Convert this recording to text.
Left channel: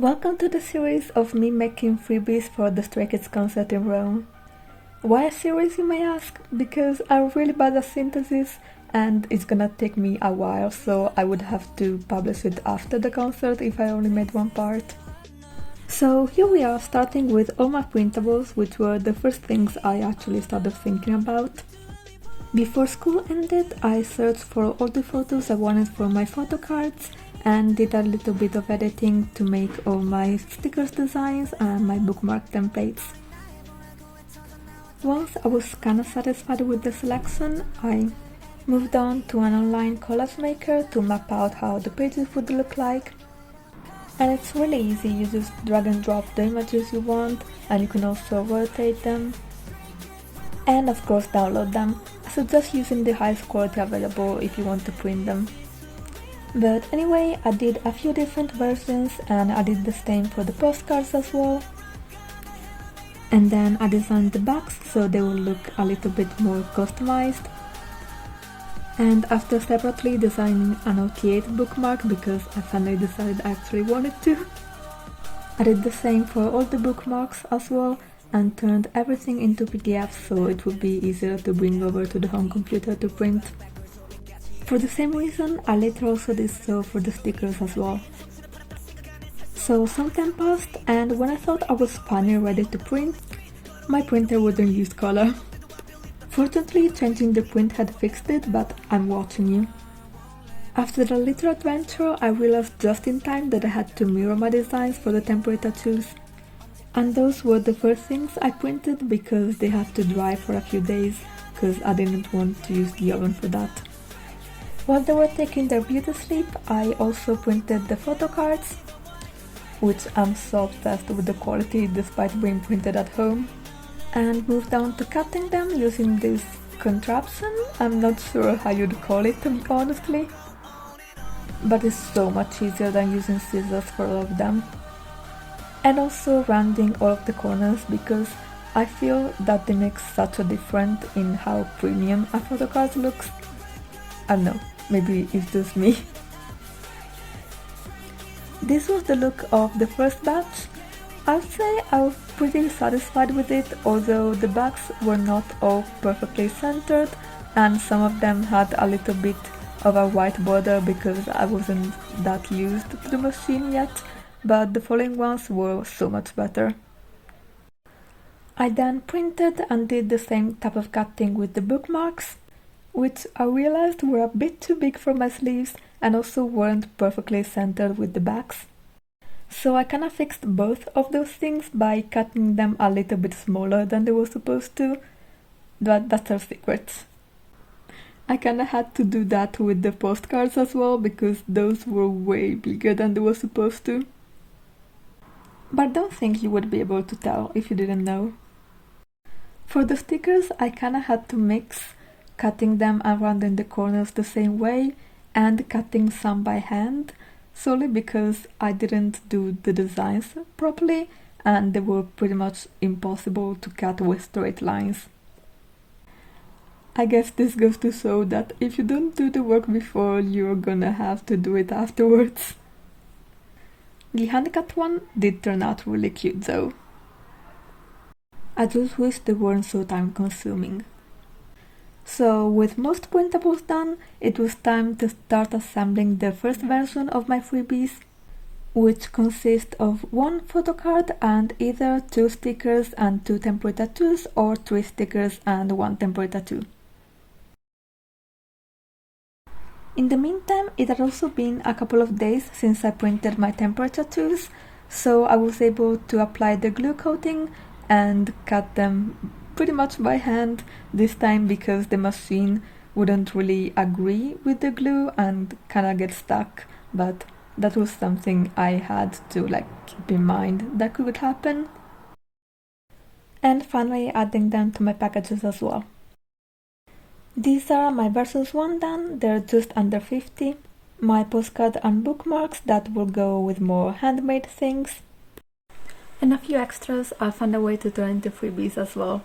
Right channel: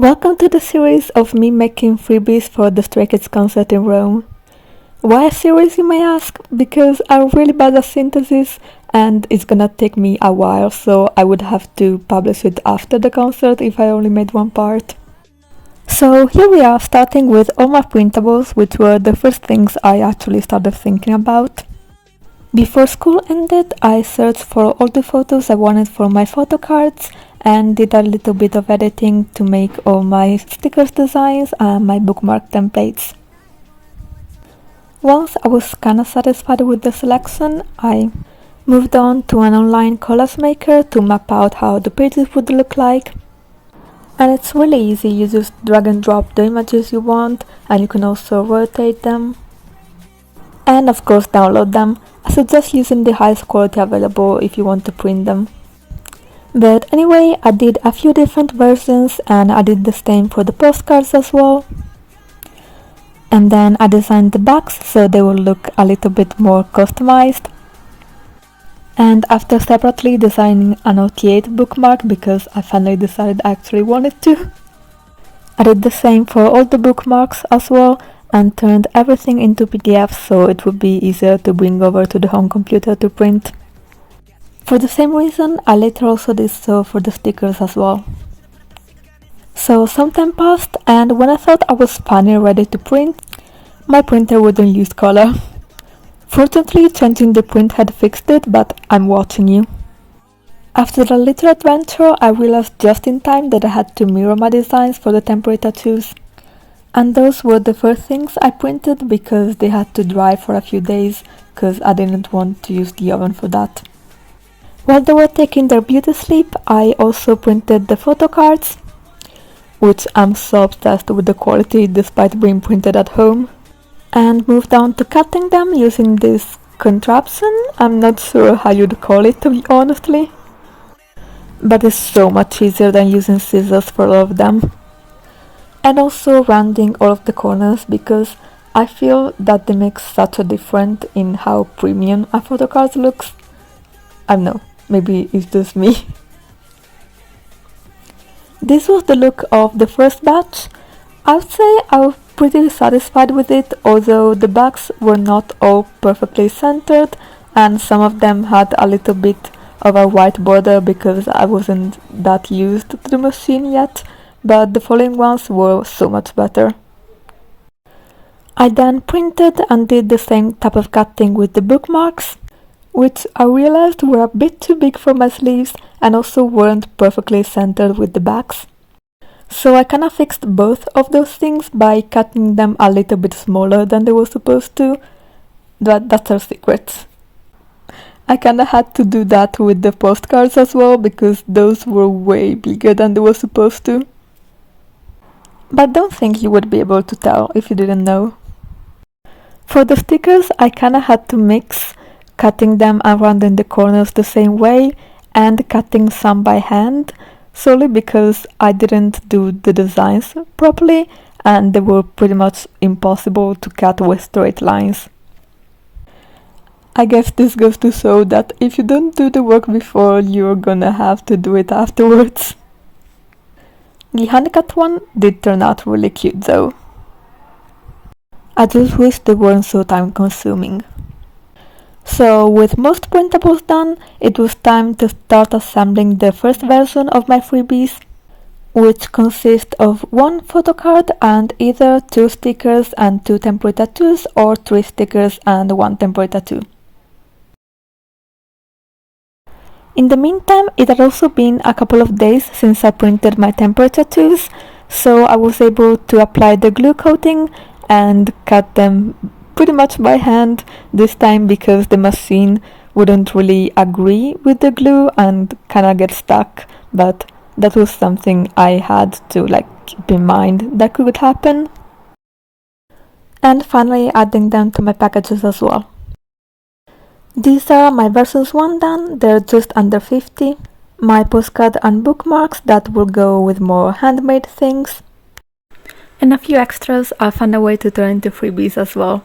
Welcome to the series of me making freebies for the Straykids concert in Rome. Why a series, you may ask? Because I'm really bad at synthesis and it's gonna take me a while, so I would have to publish it after the concert if I only made one part. So here we are, starting with all my printables, which were the first things I actually started thinking about. Before school ended, I searched for all the photos I wanted for my photo cards and did a little bit of editing to make all my stickers designs and my bookmark templates. Once I was kinda satisfied with the selection, I moved on to an online collage maker to map out how the pages would look like. And it's really easy, you just drag and drop the images you want and you can also rotate them. And of course download them. I suggest using the highest quality available if you want to print them. But anyway, I did a few different versions and I did the same for the postcards as well. And then I designed the backs so they will look a little bit more customized. And after separately designing an OT8 bookmark because I finally decided I actually wanted to, I did the same for all the bookmarks as well and turned everything into PDF so it would be easier to bring over to the home computer to print. For the same reason, I later also did so for the stickers as well. So some time passed, and when I thought I was finally ready to print, my printer wouldn't use color. Fortunately, changing the print had fixed it, but I'm watching you. After a little adventure, I realized just in time that I had to mirror my designs for the temporary tattoos. And those were the first things I printed because they had to dry for a few days, because I didn't want to use the oven for that. While they were taking their beauty sleep, I also printed the photo cards, which I'm so obsessed with the quality despite being printed at home, and moved on to cutting them using this contraption. I'm not sure how you'd call it, to be honestly, but it's so much easier than using scissors for all of them. And also rounding all of the corners because I feel that they make such a difference in how premium a photo card looks. I don't know, maybe it's just me. This was the look of the first batch. I would say I was pretty satisfied with it, although the backs were not all perfectly centered and some of them had a little bit of a white border because I wasn't that used to the machine yet, but the following ones were so much better. I then printed and did the same type of cutting with the bookmarks, which I realized were a bit too big for my sleeves and also weren't perfectly centered with the backs. So I kinda fixed both of those things by cutting them a little bit smaller than they were supposed to. That's our secret. I kinda had to do that with the postcards as well because those were way bigger than they were supposed to. But don't think you would be able to tell if you didn't know. For the stickers, I kinda had to mix cutting them and rounding the corners the same way and cutting some by hand, solely because I didn't do the designs properly and they were pretty much impossible to cut with straight lines. I guess this goes to show that if you don't do the work before, you're gonna have to do it afterwards. The honeycut one did turn out really cute though. I just wish they weren't so time consuming. So with most printables done, it was time to start assembling the first version of my freebies, which consists of one photo card and either 2 stickers and 2 temporary tattoos or 3 stickers and 1 temporary tattoo. In the meantime, it had also been a couple of days since I printed my temporary tattoos, so I was able to apply the glue coating and cut them pretty much by hand this time because the machine wouldn't really agree with the glue and kinda get stuck, but that was something I had to keep in mind that could happen. And finally adding them to my packages as well. These are my versions 1 done, they're just under 50. My postcard and bookmarks that will go with more handmade things. And a few extras I found a way to turn into freebies as well.